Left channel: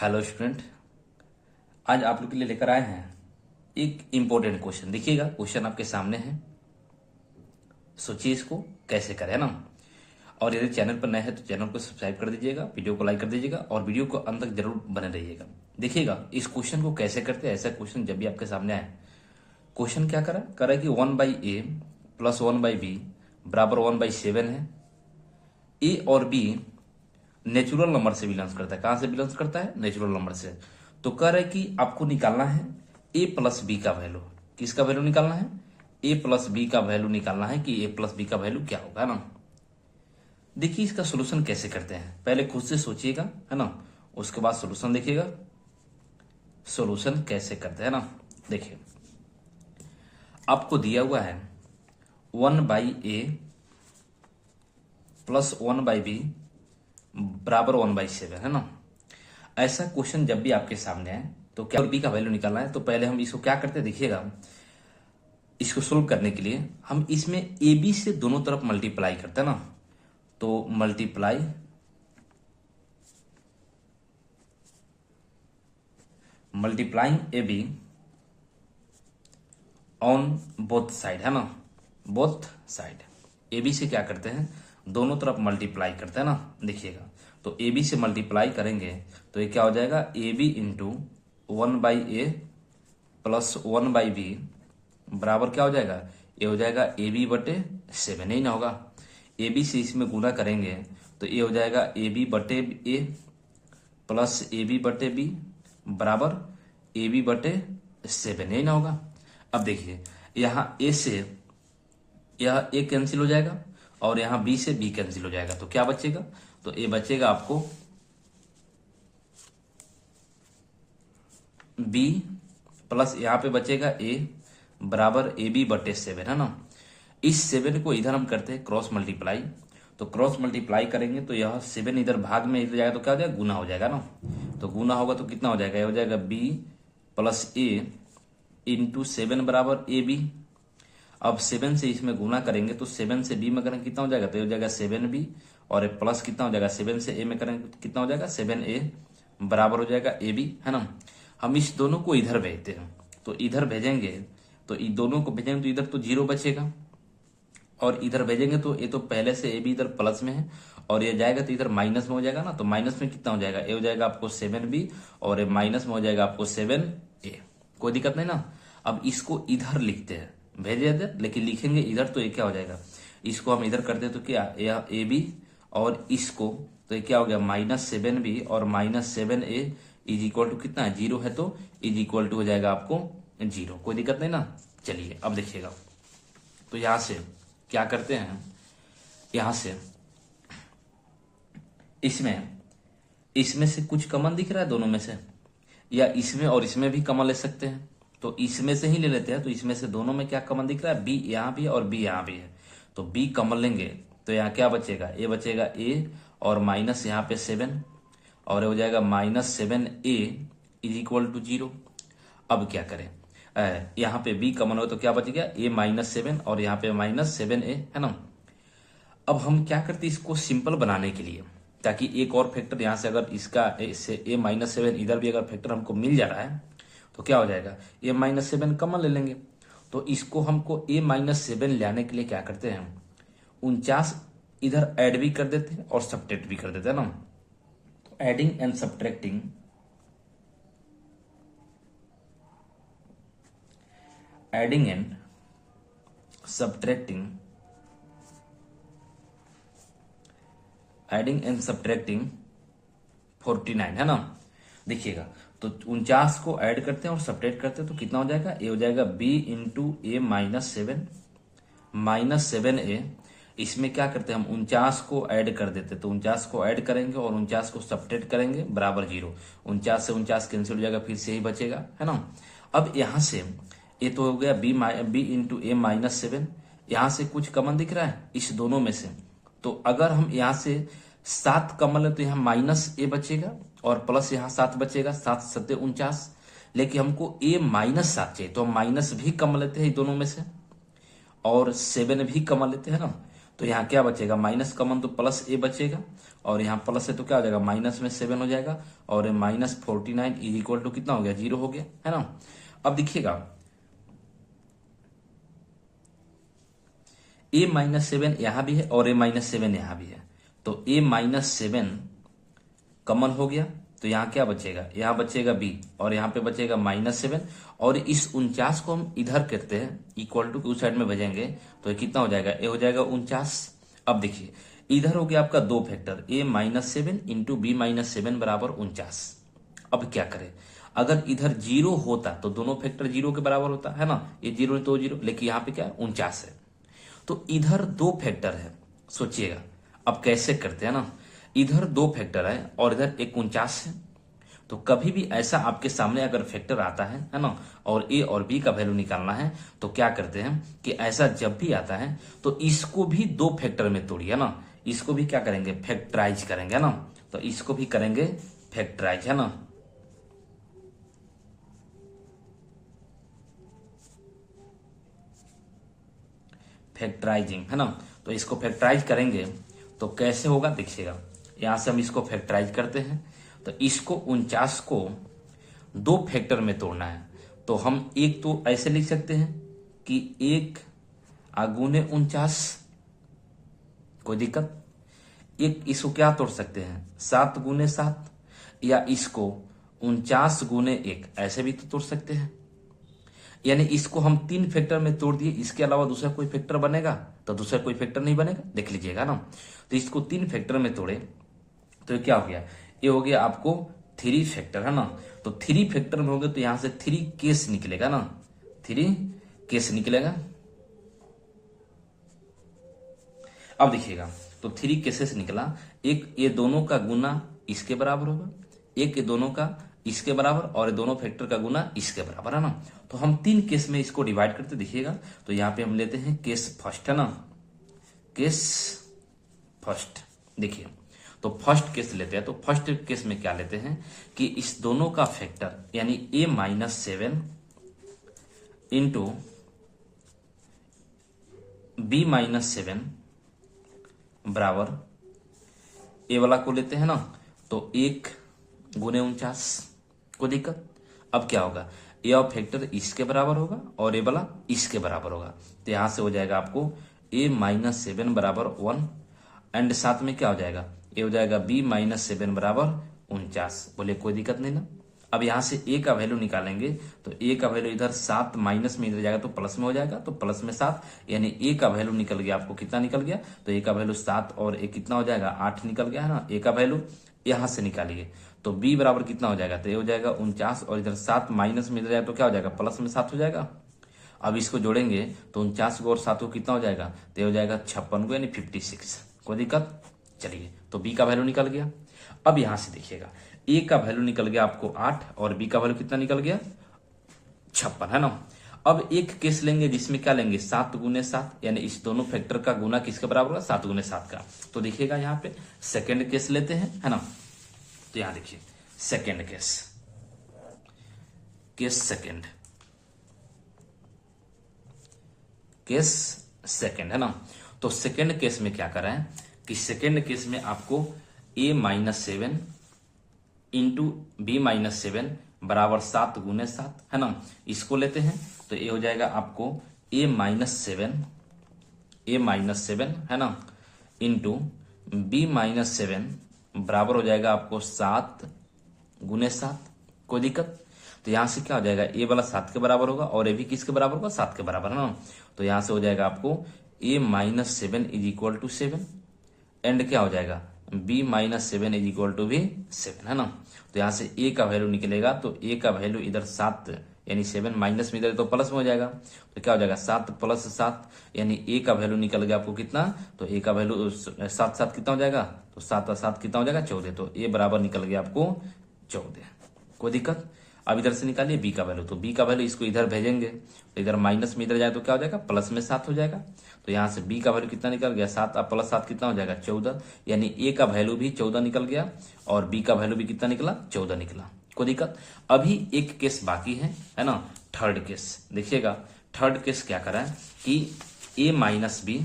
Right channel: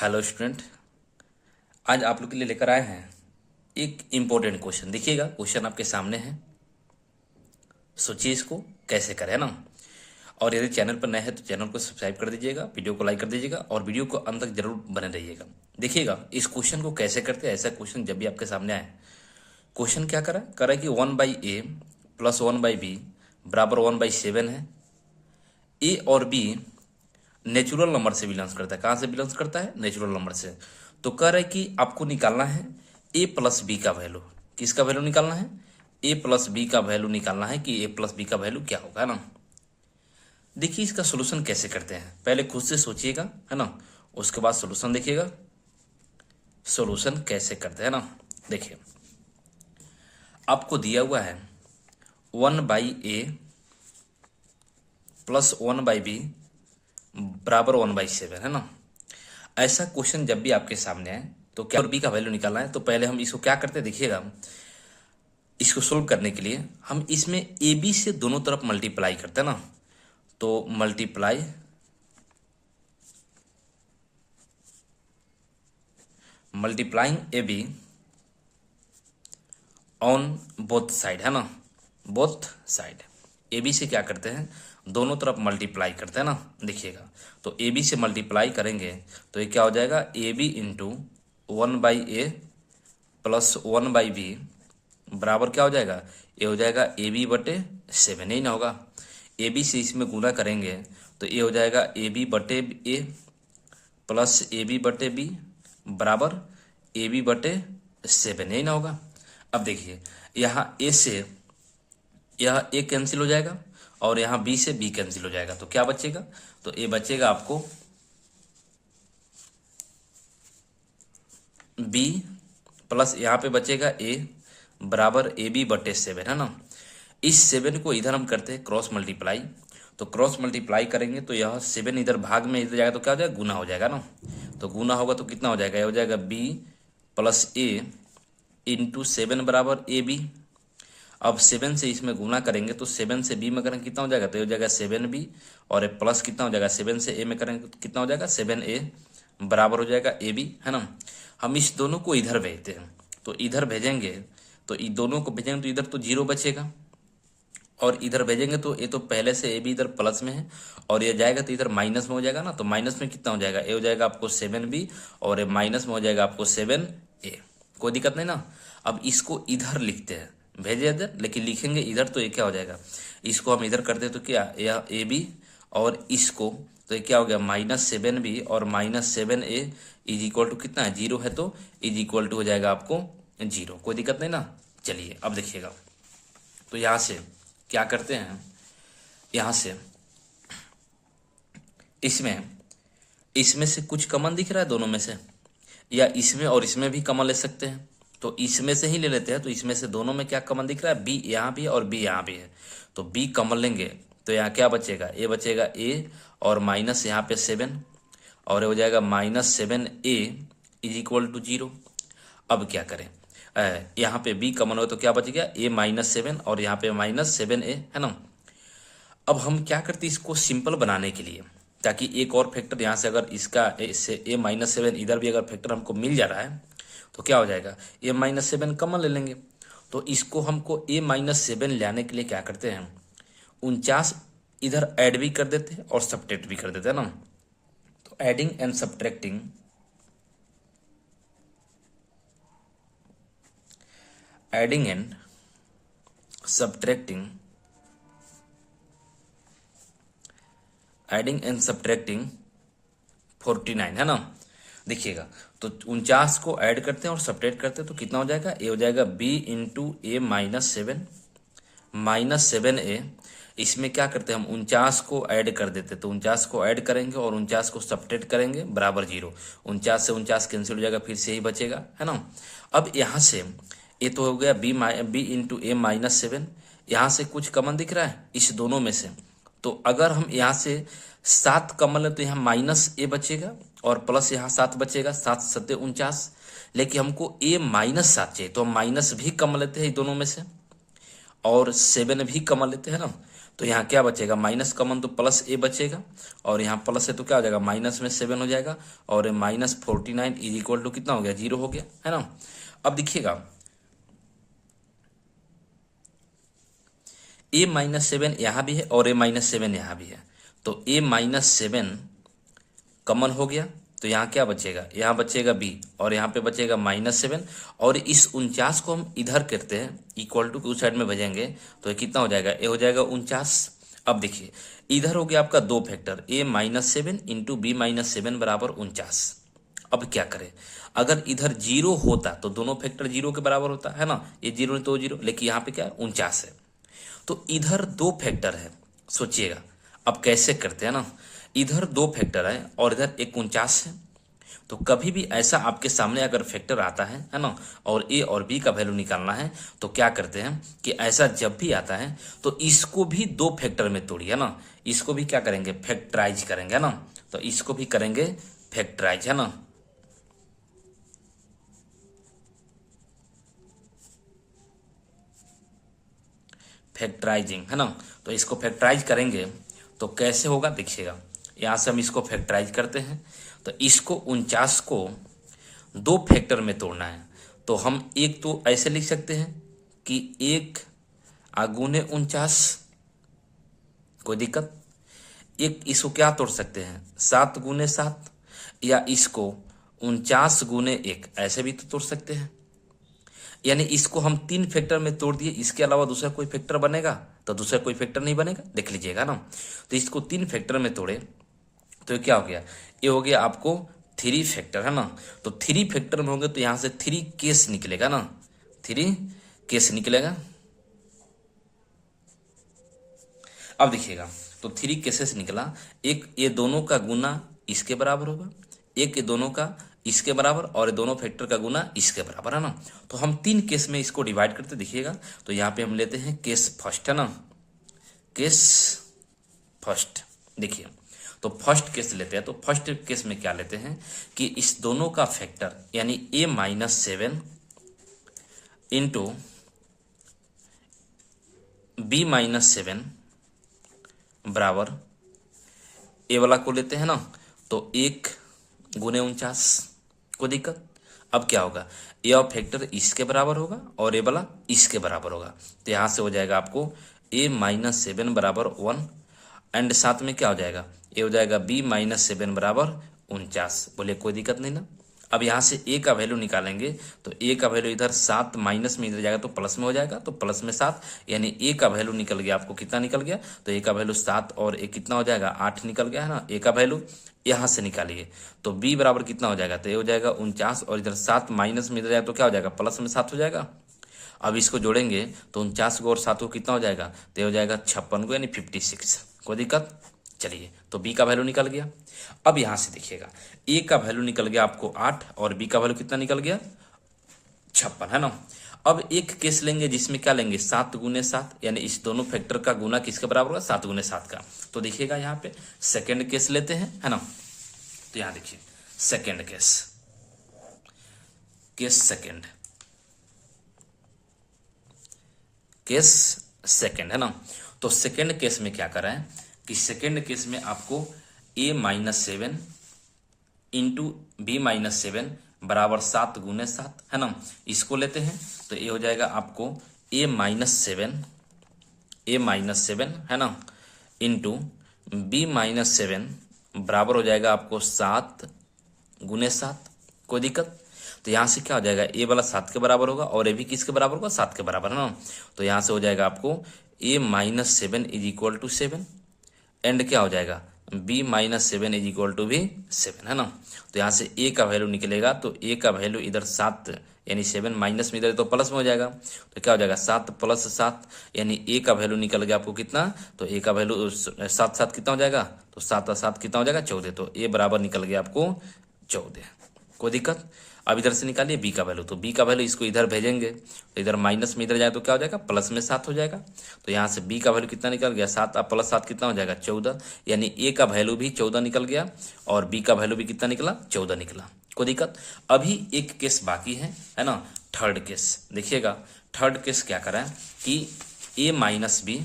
Hello student. आज आप लोग के लिए लेकर आए हैं एक इम्पोर्टेंट क्वेश्चन। देखिएगा, क्वेश्चन आपके सामने है, सोचिए इसको कैसे करें, है ना। और यदि चैनल पर नए हैं तो चैनल को सब्सक्राइब कर दीजिएगा, वीडियो को लाइक कर दीजिएगा और वीडियो को अंत तक जरूर बने रहिएगा। देखिएगा इस क्वेश्चन को कैसे करते हैं। ऐसा क्वेश्चन जब भी आपके सामने आए, क्वेश्चन क्या करा कि 1/a प्लस 1/b बराबर 1/7 है। ए और बी नेचुरल नंबर से बिलोंग्स करता है। कहाँ से बिलोंग्स करता है? नेचुरल नंबर से। तो कह रहा है कि आपको निकालना है ए प्लस बी का वैल्यू। किसका वैल्यू निकालना है? ए प्लस बी का वैल्यू निकालना है कि ए प्लस बी का वैल्यू क्या होगा, है ना। देखिए इसका सोल्यूशन कैसे करते हैं, पहले खुद से सोचिएगा, है ना, उसके बाद सोल्यूशन देखिएगा। सोल्यूशन कैसे करते हैं ना, देखिए आपको दिया हुआ है 1/a प्लस 1/b बराबर 1/7, है ना। ऐसा क्वेश्चन जब भी आपके सामने आए तो क्या और बी का वैल्यू निकालना है, तो पहले हम इसको क्या करते हैं, देखिएगा इसको सोल्व करने के लिए हम इसमें ए बी से दोनों तरफ मल्टीप्लाई करते हैं ना। तो multiplying A be on both side, है ना, बोथ साइड। ए बी से क्या करते हैं, दोनों तरफ मल्टीप्लाई करते हैं ना। देखिएगा तो ए बी से मल्टीप्लाई करेंगे तो ये क्या हो जाएगा, A B into 1/a plus 1/b बराबर क्या हो जाएगा, ये हो जाएगा ए बी बटे 7, ही ना होगा। ए बी से इसमें गुना करेंगे तो ये हो जाएगा ए बी बटे ए प्लस ए बी बटे बी बराबर ए बी बटे 7, ही ना होगा। अब देखिए यहाँ ए से यह ए कैंसिल हो जाएगा और यहाँ बी से बी कैंसिल हो जाएगा, तो क्या बचेगा, तो ए बचेगा आपको बी प्लस यहाँ पे बचेगा ए बराबर ए बी बटे 7, है ना। इस 7 को इधर हम करते हैं क्रॉस मल्टीप्लाई, तो क्रॉस मल्टीप्लाई करेंगे तो यह 7 इधर भाग में इधर जाएगा तो क्या हो जाएगा, गुना हो जाएगा ना। तो गुना होगा तो कितना हो जाएगा, यह हो जाएगा बी प्लस ए इंटू 7 बराबर ए बी। अब 7 से इसमें गुना करेंगे तो 7 से बी में करेंगे कितना हो जाएगा, तो ये हो जाएगा 7b और प्लस कितना हो जाएगा, 7 से ए में करेंगे तो कितना हो जाएगा 7a बराबर हो जाएगा ए बी, है ना। हम इस दोनों को इधर भेजते हैं, तो इधर भेजेंगे तो इन दोनों को भेजेंगे तो इधर तो 0 बचेगा और इधर भेजेंगे तो ये तो पहले से ए बी इधर प्लस में है और ये जाएगा तो इधर माइनस में हो जाएगा ना। तो माइनस में कितना हो जाएगा, ये हो जाएगा आपको 7b और ये माइनस में हो जाएगा आपको 7a। कोई दिक्कत नहीं ना। अब इसको इधर लिखते हैं, भेजे इधर, लेकिन लिखेंगे इधर तो ये क्या हो जाएगा, इसको हम इधर करते तो क्या, यह ए बी और इसको तो ये क्या हो गया -7b और -7a इज इक्वल टू कितना है, 0 है, तो इज इक्वल टू हो जाएगा आपको 0। कोई दिक्कत नहीं ना। चलिए अब देखिएगा, तो यहाँ से क्या करते हैं, यहाँ से इसमें से कुछ कॉमन दिख रहा है दोनों में से, या इसमें और इसमें भी कॉमन ले सकते हैं, तो इसमें से ही ले लेते हैं। तो इसमें से दोनों में क्या कॉमन दिख रहा है, बी यहाँ भी है और बी यहाँ भी है, तो बी कॉमन लेंगे तो यहाँ क्या बचेगा, ए बचेगा ए और माइनस यहाँ पे 7 और ये हो जाएगा -7a इज इक्वल टू 0। अब क्या करें, यहाँ पे बी कॉमन हो तो क्या बच गया, a -7 और यहाँ पे -7a, है ना। अब हम क्या करते हैं, इसको सिंपल बनाने के लिए, ताकि एक और फैक्टर यहाँ से अगर इसका इससे a -7 इधर भी अगर फैक्टर हमको मिल जा रहा है तो क्या हो जाएगा, a -7 कॉमन ले लेंगे। तो इसको हमको a -7 लाने के लिए क्या करते हैं, 49 इधर ऐड भी कर देते हैं और सब्ट्रैक्ट भी कर देते हैं ना। तो adding and subtracting, adding and subtracting, adding and subtracting 49, है ना। देखिएगा तो 49 को ऐड करते हैं और सब्ट्रैक्ट करते हैं तो कितना हो जाएगा, ये हो जाएगा b इंटू ए -7a। इसमें क्या करते हैं, हम 49 को ऐड कर देते हैं, तो 49 को ऐड करेंगे और 49 को सब्ट्रैक्ट करेंगे बराबर 0। 49 से 49 कैंसिल हो जाएगा, फिर से ही बचेगा, है ना। अब यहाँ से ये तो हो गया b इंटू ए -7, यहाँ से कुछ कॉमन दिख रहा है इस दोनों में से, तो अगर हम यहाँ से 7 कॉमन ले तो यहाँ -a बचेगा और प्लस यहाँ 7 बचेगा, 7 7 49, लेकिन हमको a -7 चाहिए तो हम माइनस भी कॉमन लेते हैं दोनों में से और 7 भी कॉमन लेते हैं ना। तो यहाँ क्या बचेगा, माइनस कॉमन तो प्लस ए बचेगा, और यहाँ प्लस है तो क्या हो जाएगा, माइनस में 7 हो जाएगा, और -49 इज इक्वल टू कितना हो गया, 0 हो गया, है ना। अब देखिएगा a-7 यहाँ भी है और a-7 यहाँ भी है, तो a-7 कॉमन हो गया, तो यहाँ क्या बचेगा, यहाँ बचेगा b, और यहाँ पे बचेगा -7, और इस 49 को हम इधर करते हैं इक्वल टू उस साइड में भेजेंगे, तो ये कितना हो जाएगा, ये हो जाएगा 49। अब देखिए इधर हो गया आपका दो फैक्टर, a-7 इंटू b-7 बराबर 49। अब क्या करें, अगर इधर 0 होता तो दोनों फैक्टर 0 के बराबर होता है ना, ये 0 तो 0, लेकिन यहाँ पे क्या 49 है, तो इधर दो फैक्टर है। सोचिएगा अब कैसे करते हैं ना, इधर दो फैक्टर है और इधर 49 है, तो कभी भी ऐसा आपके सामने अगर फैक्टर आता है ना, और ए और बी का वैल्यू निकालना है, तो क्या करते हैं कि ऐसा जब भी आता है तो इसको भी दो फैक्टर में तोड़िए ना, इसको भी क्या करेंगे, फैक्टराइज करेंगे ना, तो इसको भी करेंगे फैक्टराइज, है ना। फैक्टराइजिंग, है ना, तो इसको फैक्टराइज करेंगे तो कैसे होगा देखिएगा, यहाँ से हम इसको फैक्टराइज करते हैं, तो इसको 49 को दो फैक्टर में तोड़ना है, तो हम एक तो ऐसे लिख सकते हैं कि 1 आगुने 49, कोई दिक्कत, एक इसको क्या तोड़ सकते हैं 7 गुने 7, या इसको 49 गुने 1 ऐसे भी तो तोड़ सकते हैं, यानी इसको हम 3 फैक्टर में तोड़ दिए, इसके अलावा दूसरा कोई फैक्टर बनेगा, तो दूसरा कोई फैक्टर नहीं बनेगा, देख लीजिएगा ना। तो इसको 3 फैक्टर में तोड़े तो क्या हो गया, ये हो गया आपको 3 फैक्टर, है ना। तो 3 फैक्टर में होंगे तो यहां से 3 केस निकलेगा ना, 3 केस निकलेगा। अब देखिएगा तो 3 केसेस निकला, एक ये दोनों का गुना इसके बराबर होगा, एक ये दोनों का इसके बराबर, और ये दोनों फैक्टर का गुना इसके बराबर, है ना। तो हम 3 केस में इसको डिवाइड करते देखिएगा, तो यहाँ पे हम लेते हैं केस फर्स्ट, है ना, केस फर्स्ट। देखिए तो फर्स्ट केस लेते हैं, तो फर्स्ट केस में क्या लेते हैं कि इस दोनों का फैक्टर यानी a-7 इंटू b-7 बराबर ए वाला को लेते हैं ना, तो 1 गुने 49, कोई दिक्कत। अब क्या होगा, ए और फैक्टर इसके बराबर होगा और ए वाला इसके बराबर होगा, तो यहां से हो जाएगा आपको a-7 बराबर 1, एंड साथ में क्या हो जाएगा, ये हो जाएगा b-7 बराबर 49। बोले कोई दिक्कत नहीं ना। अब यहाँ से a का वैल्यू निकालेंगे, तो a का वैल्यू इधर 7 माइनस में इधर जाएगा तो प्लस में हो जाएगा, तो प्लस में 7, यानी a का वैल्यू निकल गया आपको, कितना निकल गया, तो a का वैल्यू 7 और a कितना हो जाएगा 8 निकल गया, है ना। a का वैल्यू यहाँ से निकालिए, तो b बराबर कितना हो जाएगा, तो ये हो जाएगा 49, और इधर 7 माइनस में इधर जाएगा तो क्या हो जाएगा, प्लस में 7 हो जाएगा। अब इसको जोड़ेंगे तो 49 को और 7 को कितना हो जाएगा, तो ये हो जाएगा 56 को, यानी 56, कोई दिक्कत। चलिए तो b का वैल्यू निकल गया। अब यहां से देखिएगा a का वैल्यू निकल गया आपको 8, और b का वैल्यू कितना निकल गया 56, है ना। अब एक केस लेंगे जिसमें क्या लेंगे 7 गुने 7, यानी इस दोनों फैक्टर का गुना किसके बराबर होगा, 7 गुने 7 का। तो देखिएगा यहाँ पे सेकेंड केस लेते हैं, है ना। तो यहाँ देखिए second case, case second, case second, है ना। तो सेकेंड केस में क्या करा है कि सेकेंड केस में आपको a-7 इंटू b-7 बराबर 7 गुने 7, है ना, इसको लेते हैं, तो ये हो जाएगा आपको a-7 है ना इंटू b-7 बराबर हो जाएगा आपको 7 गुने 7, कोई दिक्कत। तो यहाँ से क्या हो जाएगा, a वाला 7 के बराबर होगा और a भी किसके बराबर होगा, 7 के बराबर, है ना। तो यहाँ से हो जाएगा आपको a-7 is equal to 7, and क्या हो जाएगा b-7 इज इक्वल टू भी 7, है ना। तो यहाँ से a का वैल्यू निकलेगा, तो a का वैल्यू इधर 7 यानी 7 माइनस में इधर तो प्लस में हो जाएगा, तो क्या हो जाएगा 7 प्लस 7, यानी a का वैल्यू निकल गया आपको कितना, तो a का वैल्यू 7 7 कितना हो जाएगा, तो 7 और 7 कितना हो जाएगा 14, तो a बराबर निकल गया आपको 14, कोई दिक्कत। अब इधर से निकालिए b का वैल्यू, तो b का वैल्यू इसको इधर भेजेंगे, तो इधर माइनस में इधर जाए तो क्या हो जाएगा प्लस में 7 हो जाएगा, तो यहाँ से b का वैल्यू कितना निकल गया 7 अब प्लस 7 कितना हो जाएगा 14, यानी a का वैल्यू भी 14 निकल गया और b का वैल्यू भी कितना निकला 14 निकला, कोई दिक्कत। अभी एक केस बाकी है ना, थर्ड केस। देखिएगा थर्ड केस क्या करा है कि a-b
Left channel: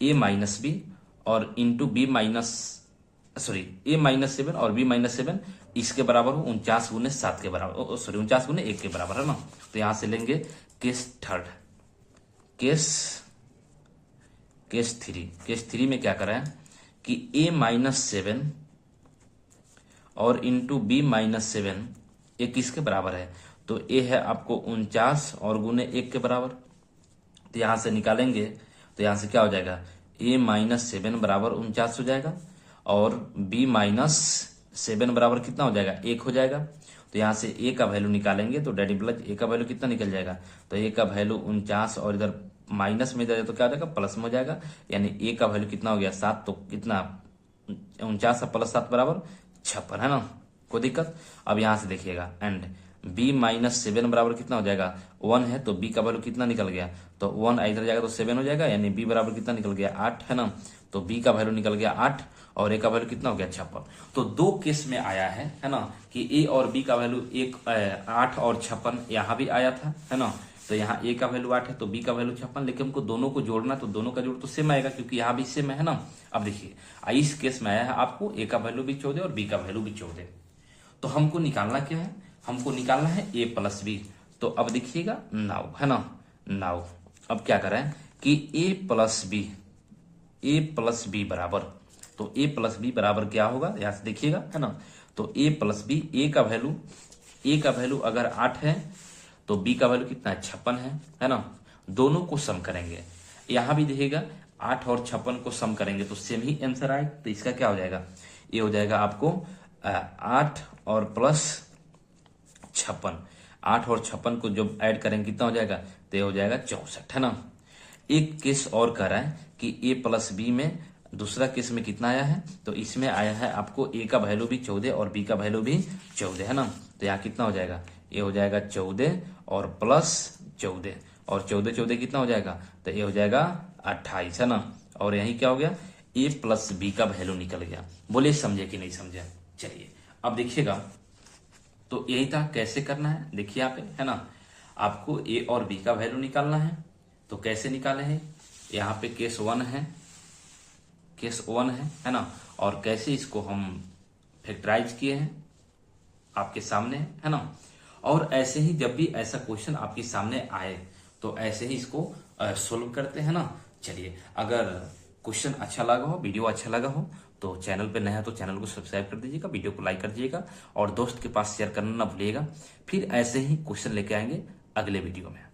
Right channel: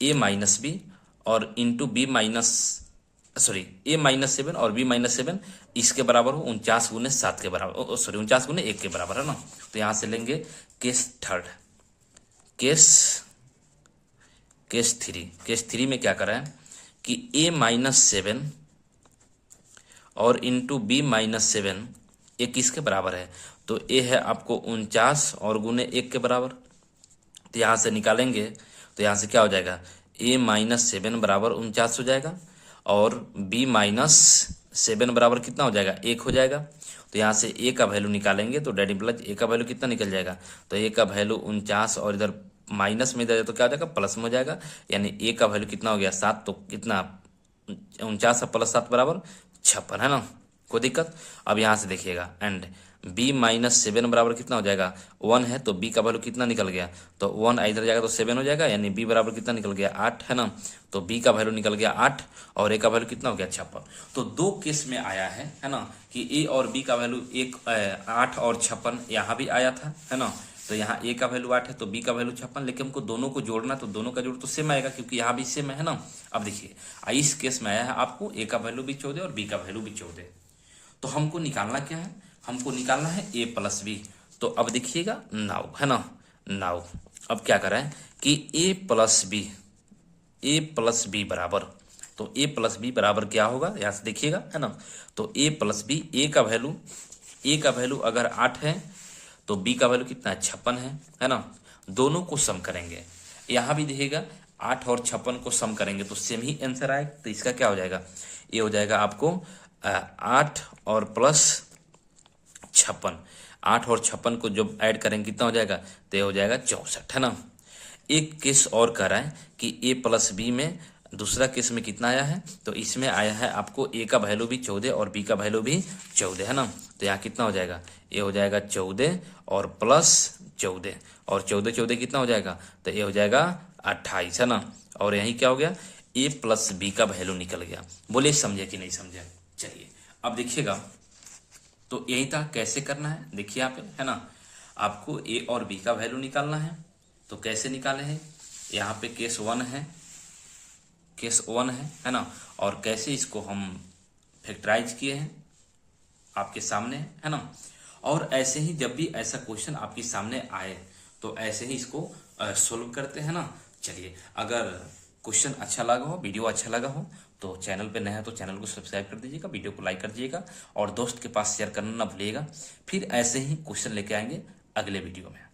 ए माइनस बी और इंटू बी माइनस सॉरी ए माइनस 7 और बी माइनस 7 इसके बराबर हो 49 गुने 7 के बराबर, सॉरी 49 गुने 1 के बराबर है ना। तो यहां से लेंगे केस थर्ड, केस थ्री में क्या करा है कि ए माइनस 7 और इंटू बी माइनस 7 ये किसके बराबर है, तो ए है आपको 49 और गुने 1 के बराबर। तो यहां से निकालेंगे तो यहां से क्या हो जाएगा, ए माइनस 7 बराबर 49 हो जाएगा और बी माइनस 7 बराबर कितना हो जाएगा, 1 हो जाएगा। तो यहाँ से ए का वैल्यू निकालेंगे तो डैडी प्लस ए का वैल्यू कितना निकल जाएगा, तो ए का वैल्यू 49 और इधर माइनस में इधर तो क्या हो जाएगा, प्लस में हो जाएगा, यानी ए का वैल्यू कितना हो गया 7, तो कितना 49 प्लस 7 बराबर 56 है ना, कोई दिक्कत। अब यहाँ से देखिएगा एंड बी माइनस 7 बराबर कितना हो जाएगा 1 है, तो बी का वैल्यू कितना निकल गया, तो 1 इधर जाएगा तो 7 हो जाएगा, यानी बी बराबर कितना निकल गया 8 है ना। तो बी का वैल्यू निकल गया 8 और ए का वैल्यू कितना हो गया 56। तो दो केस में आया है ना, कि ए और बी का वैल्यू 8 और 56 यहाँ भी आया था है ना। तो यहाँ ए का वैल्यू 8 है तो बी का वैल्यू 56, लेकिन हमको दोनों को जोड़ना, तो दोनों का जोड़ तो सेम आएगा क्योंकि यहाँ भी सेम है ना। अब देखिए इस केस में आया है आपको ए का वैल्यू भी 14 और बी का वैल्यू भी 14, तो हमको निकालना क्या है, हमको निकालना है ए प्लस बी। तो अब देखिएगा नाउ है ना, नाउ अब क्या करें कि ए प्लस बी बराबर, तो ए प्लस बी बराबर क्या होगा यहाँ से देखिएगा है ना। तो ए प्लस बी, ए का वैल्यू अगर 8 है तो बी का वैल्यू कितना है 56 है ना। दोनों को सम करेंगे, यहाँ भी देखिएगा 8 और 56 को सम करेंगे तो सेम ही आंसर आएगा। तो इसका क्या हो जाएगा, ये हो जाएगा आपको 8 और प्लस 56, 8 और 56 को जब ऐड करेंगे कितना हो जाएगा, तो ये हो जाएगा 64 है ना। एक केस और कर रहा है कि ए प्लस बी में दूसरा केस में कितना आया है, तो इसमें आया है आपको ए का वैल्यू भी 14 और बी का वैल्यू भी 14 है ना। तो यहाँ कितना हो जाएगा, ये हो जाएगा 14 और प्लस 14 और 14 कितना हो जाएगा, तो ये हो जाएगा 28 है ना। और यही क्या हो गया, ए प्लस बी का वैल्यू निकल गया। बोले समझे कि नहीं समझे। चलिए अब देखिएगा, तो यही था कैसे करना है, देखिए आप है ना, आपको ए और बी का वैल्यू निकालना है। तो कैसे निकाले हैं, यहाँ पे केस 1 है ना, और कैसे इसको हम फैक्टराइज किए हैं आपके सामने है ना। और ऐसे ही जब भी ऐसा क्वेश्चन आपके सामने आए तो ऐसे ही इसको सोल्व करते हैं ना। चलिए अगर क्वेश्चन अच्छा लगा हो, वीडियो अच्छा लगा हो तो चैनल पे नया है तो चैनल को सब्सक्राइब कर दीजिएगा, वीडियो को लाइक कर दीजिएगा और दोस्त के पास शेयर करना ना भूलिएगा। फिर ऐसे ही क्वेश्चन लेके आएंगे अगले वीडियो में।